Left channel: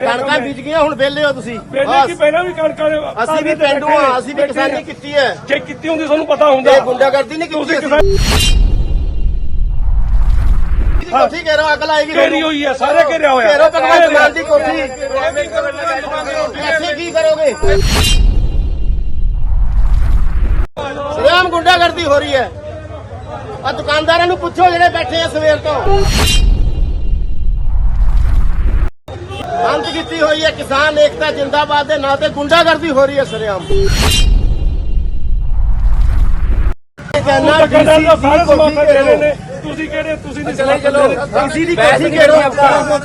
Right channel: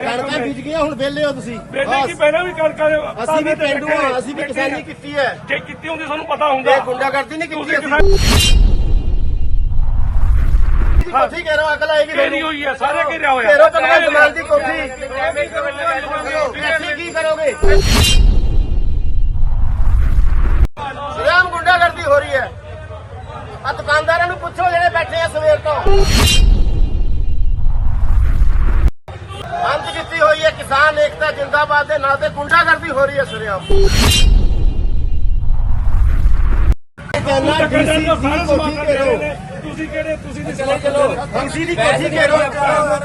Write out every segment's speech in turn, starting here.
ਕਣਕਾਂ ਬੀਜ ਗਈਆਂ ਹੁਣ ਵਿਹਲੇ ਹੋ ਤੁਸੀਂ। ਪਹਿਲਾਂ ਕੀ ਬਸ। ਪਹਿਲਾਂ ਵੀ ਕਣਕਾਂ ਅਸੀਂ ਵੀ ਪਿੰਡੂ ਆ ਅਸੀਂ ਵੀ ਕਿਸਾਨੀ ਕੀਤੀ ਹੈ। ਜੇ ਕੀਤੀ ਹੁੰਦੀ ਤੁਹਾਨੂੰ ਪਤਾ ਹੁੰਦਾ। ਇਹ ਗੁੰਡਾਗਰਦੀ ਨਹੀਂ ਕੀਤੀ ਅਸੀਂ। ਕੋਠੀ ਕਹਿ ਰਹੇ ਅੱਗ ਲਾਏਗੀ ਘੇਰੀ ਤੁਹਾਨੂੰ। ਹੋਈ ਹੈ ਸਾਰੇ ਘੇਰਿਆ ਹੋਇਆ। ਘੇਰੋ ਭਗਵੰਤ ਮਾਨ ਦੀ ਕੋਠੀ। ਇੱਥੇ ਕੀ ਕਰੋਗੇ? ਸ੍ਰੀਰਾਮ ਗੁੰਡਾਗਰਦੀ ਹੋ ਰਹੀ ਹੈ। ਆ ਦੁਕਾਨਦਾਰਾਂ ਨੂੰ ਪੁੱਛੋ ਜਿਹੜੇ ਬੈਠੇ ਆ ਸਵੇਰ ਤੋਂ। ਕੀਤੀ ਹੋਈ ਹੈ ਕਿਸਾਨ ਏਕਤਾ ਜਿੰਦਾਬਾਦ ਦੇ ਨਾਂ ਤੇ ਗੁੰਡਾਗਰਦੀ ਹੋ ਰਹੀ ਹੈ ਸ੍ਰੀਰਾਮ ਕਹਿੰਦਾ ਕੋਠੀ ਸਮਾਨ ਘੇਰੋ। ਘੇਰੇ ਨੇ ਤੁਸੀਂ ਕਿਹੜੇ ਤੁਸੀਂ ਨਹੀਂ ਚਲੇ ਚਲੋ। ਡੀਸੀ ਦੀ ਕੋਠੀ ਘੇਰੋ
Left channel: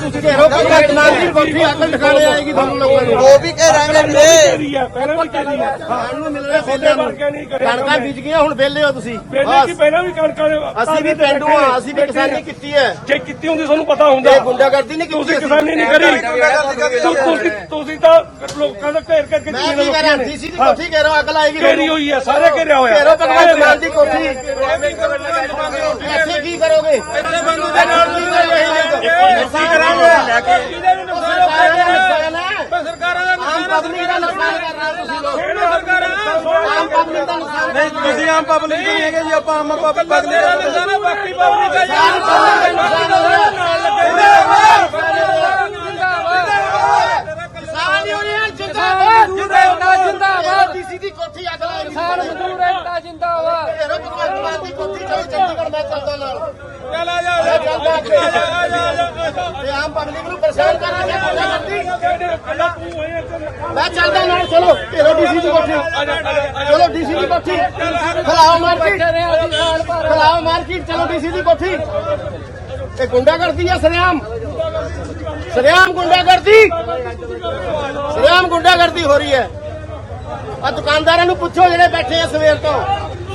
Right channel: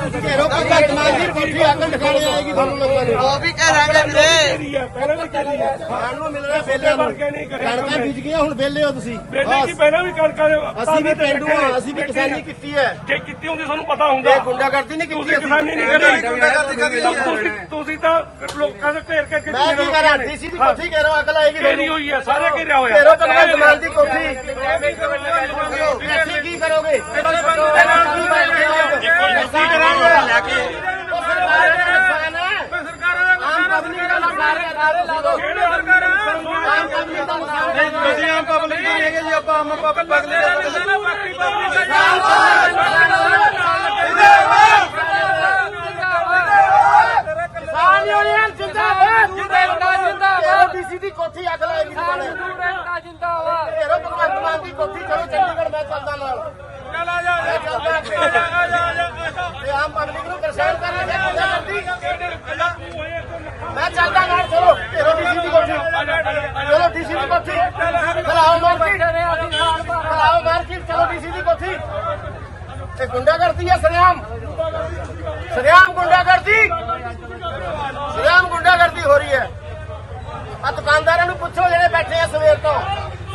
ਤੁਸੀਂ ਘੇਰੋ ਭਗਵੰਤ ਮਾਨ ਦੀ ਕੋਠੀ ਅਕਲ ਦਿਖਾਣੇ ਆਏਗੀ ਤੁਹਾਨੂੰ ਲੋਕਾਂ ਨੂੰ। ਘੇਰੀ ਹੈ ਪਹਿਲਾਂ ਵੀ ਘੇਰੀ ਹੈ ਖਾਣ ਨੂੰ ਮਿਲ ਰਿਹਾ ਫੇਲਿਆਂ ਨੂੰ। ਕਣਕਾਂ ਬੀਜ ਗਈਆਂ ਹੁਣ ਵਿਹਲੇ ਹੋ ਤੁਸੀਂ। ਪਹਿਲਾਂ ਕੀ ਬਸ ਪਹਿਲਾਂ ਵੀ ਕਣਕਾਂ ਅਸੀਂ ਵੀ ਪਿੰਡੂ ਆ ਅਸੀਂ ਵੀ ਕਿਸਾਨੀ ਕੀਤੀ ਹੈ। ਜੇ ਕੀਤੀ ਹੁੰਦੀ ਤੁਹਾਨੂੰ ਪਤਾ ਹੁੰਦਾ। ਇਹ ਗੁੰਡਾਗਰਦੀ ਨਹੀਂ ਕੀਤੀ ਤੁਸੀਂ ਅਸੀਂ। ਕਿਸਾਨੀ ਨਹੀਂ ਕਰੀ। ਤੁਸੀਂ ਤੁਸੀਂ ਤਾਂ ਲੋਕਾਂ ਦਾ ਘੇਰ ਕਰਕੇ ਮੈਂ ਕੀ ਕਰਾਂ? ਡੀਸੀ ਦੀ ਕੋਠੀ ਘੇਰੋ ਅਕਲ ਆਏਗੀ ਘੇਰੀ ਤੁਹਾਨੂੰ ਹੋਈ ਹੈ ਸਾਰੇ ਘੇਰਿਆ ਹੋਇਆ। ਘੇਰੋ ਭਗਵੰਤ ਮਾਨ ਦੀ ਕੋਠੀ। ਇੱਥੇ ਕੀ ਕਰੋਗੇ? ਆਮ ਪਬਲਿਕ ਦਾ ਕਰ ਰਹੇ ਹੋ ਆਮ ਪਬਲਿਕ ਦਾ ਹੋ ਤੁਸੀਂ ਆਮ ਪਬਲਿਕ ਨਹੀਂ ਹੈਗੇ ਜੀ ਆਪਾਂ ਅਮਰ ਪਬਲਿਕ ਦਾ ਬਾਕੀ ਪਬਲਿਕ ਆਮ ਪਬਲਿਕ ਦਾ ਜਿੰਦਾਬਾਦ। ਜਿੰਦਾਬਾਦ। ਜਿੰਦਾਬਾਦ। ਡੀਸੀ ਦੀ ਕੋਠੀ ਅੱਗ ਲਾਈ ਜਿੰਦਾਬਾਦ। ਤੇਰੇ ਭਗਵੰਤ ਮਾਨ ਦੀ ਕੋਠੀ ਚਲੋ ਚੰਡੀਗੜ੍ਹ ਮੈਂ ਚੱਲਦਾ ਨਾਲ ਚਲਾ ਜਾ ਮੈਂ ਚੱਲਦਾ ਅੱਗੇ। ਤੇ ਆਮ ਪਬਲਿਕ ਨੂੰ ਪਰੇਸ਼ਾਨ ਕਰ ਰਿਹਾ ਮੈਂ ਚੱਲਦਾ ਨਾਲ, ਚਲੋ। ਘੇਰੋ ਡੀਸੀ ਦੀ ਕੋਠੀ। ਚਲੋ ਡੀਸੀ ਦੀ ਕੋਠੀ। ਫਲਾਓ ਮਾਰਕੀਟ। ਫਲਾਓ ਮਾਰਕੀਟ, ਚਲੋ ਡੀਸੀ ਦੀ ਕੋਠੀ। ਇਹ ਗੁੰਡਾ ਕਰਦੀ ਹੈ, ਸਰਿਆਮ। ਸਰਿਆਮ ਗੁੰਡਾ ਕਰਦੀ ਸਰਿਆਮ ਗੁੰਡਾ ਕਰਦੀ ਹੋ ਰਹੀ ਹੈ। ਆ ਦੁਕਾਨਦਾਰਾਂ ਨੂੰ ਪੁੱਛੋ ਜਿਹੜੇ ਬੈਠੇ ਆ ਸਵੇਰ ਤੋਂ।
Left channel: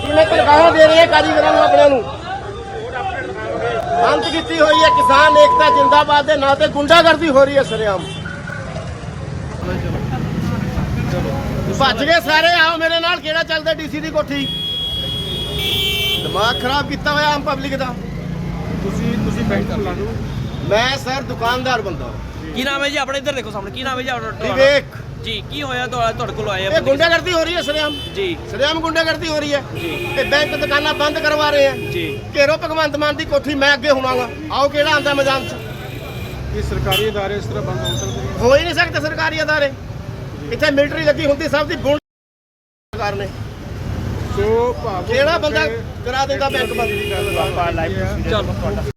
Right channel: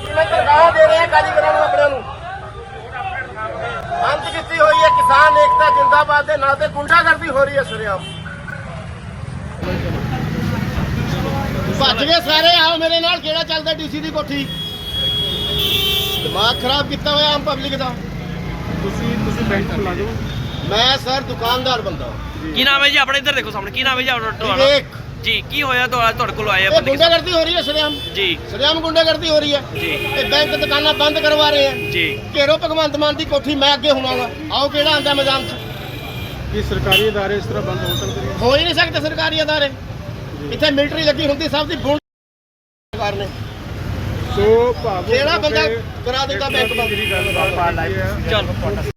ਕਿੰਨੇ ਤਨਖਾਹਾਂ ਦੇ ਰਹੇ ਆ ਕਾਰੀਗਰਾਂ ਨੂੰ, ਆਪਣਿਆਂ ਨੂੰ? ਬੰਦ ਕੀਤੀ ਹੋਈ ਹੈ ਕਿਸਾਨ ਏਕਤਾ ਜਿੰਦਾਬਾਦ ਦੇ ਨਾਂ ਤੇ ਗੁੰਡਾਗਰਦੀ ਹੋ ਰਹੀ ਹੈ ਸਰਿਆਮ ਭੱਜ ਗਏ ਸਾਰੇ ਆਓ ਮੇਰੇ ਨਾਲ ਕਿਹੜਾ ਚੱਲਦਾ ਡੀਸੀ ਦੀ ਕੋਠੀ? ਦਿਮਾਗ ਖਰਾਬ ਕੀਤਾ ਹੋਇਆ ਆਮ ਪਬਲਿਕ ਦਾ। ਤੁਸੀਂ ਤੁਸੀਂ ਦਿਓ ਮੈਂ ਸਰ ਦੁਕਾਨਦਾਰ ਬੰਦਾ। ਕੀ ਨਾਮ ਹੈ ਜੀ? ਆਪਣੇ ਇੱਧਰ ਦੇਖੋ ਸਾਹਮਣੇ ਕੀ ਨਾਮ ਹੈ ਜੀ? ਆਪਣਾ? ਵਿਵੇਕ। ਜੀ ਕੀ ਹੋਇਆ ਤੁਹਾਡਾ ਤੁਹਾਡੇ ਕੋਲ ਆਏ ਆ ਇਹ ਬੰਦੇ ਗੁੰਡਾਗਰਦੀ ਹੋ ਰਹੀ ਹੈ ਸਰਿਆਮ ਜੀ ਸਰਿਆਮ ਗੁੰਡਾਗਰਦੀ ਹੋ ਰਹੀ ਹੈ ਜੀ ਇਹ ਬੈਂਕ ਦੁਕਾਨਾਂ ਬੰਦ ਕਰਵਾ ਰਹੇ ਆ ਜੀ ਘੇਰੋ ਭਗਵੰਤ ਮਾਨ ਦੀ ਕੋਠੀ ਮੈਂ ਅੱਗੇ ਹੋਣਾਗਾ ਆਓ ਕਿਹੜਾ ਆਂਦਾ ਮੈਦਾਨ 'ਚ ਕੀ ਸਰਕਾਰੀ ادارے ਇਸ ਤਰ੍ਹਾਂ ਬੰਦ ਹੋ ਸਕਦੇ ਹੋ ਹੀ ਨਹੀਂ ਸਕਦੇ ਸਰਕਾਰੀ ਅਦਾਰੇ ਇੱਥੇ ਮਿਲਟਰੀ ਲੱਗੀ ਹੁੰਦੀ ਸਭ ਦੀ ਗੁੰਡ ਸਰਕਾਰ ਨੇ ਸੋ ਜਿਹੜਾ ਬੰਦਾ ਕਰਾ ਦਿੰਦਾ ਬੈਂਕ ਬੰਦ ਚਲੋ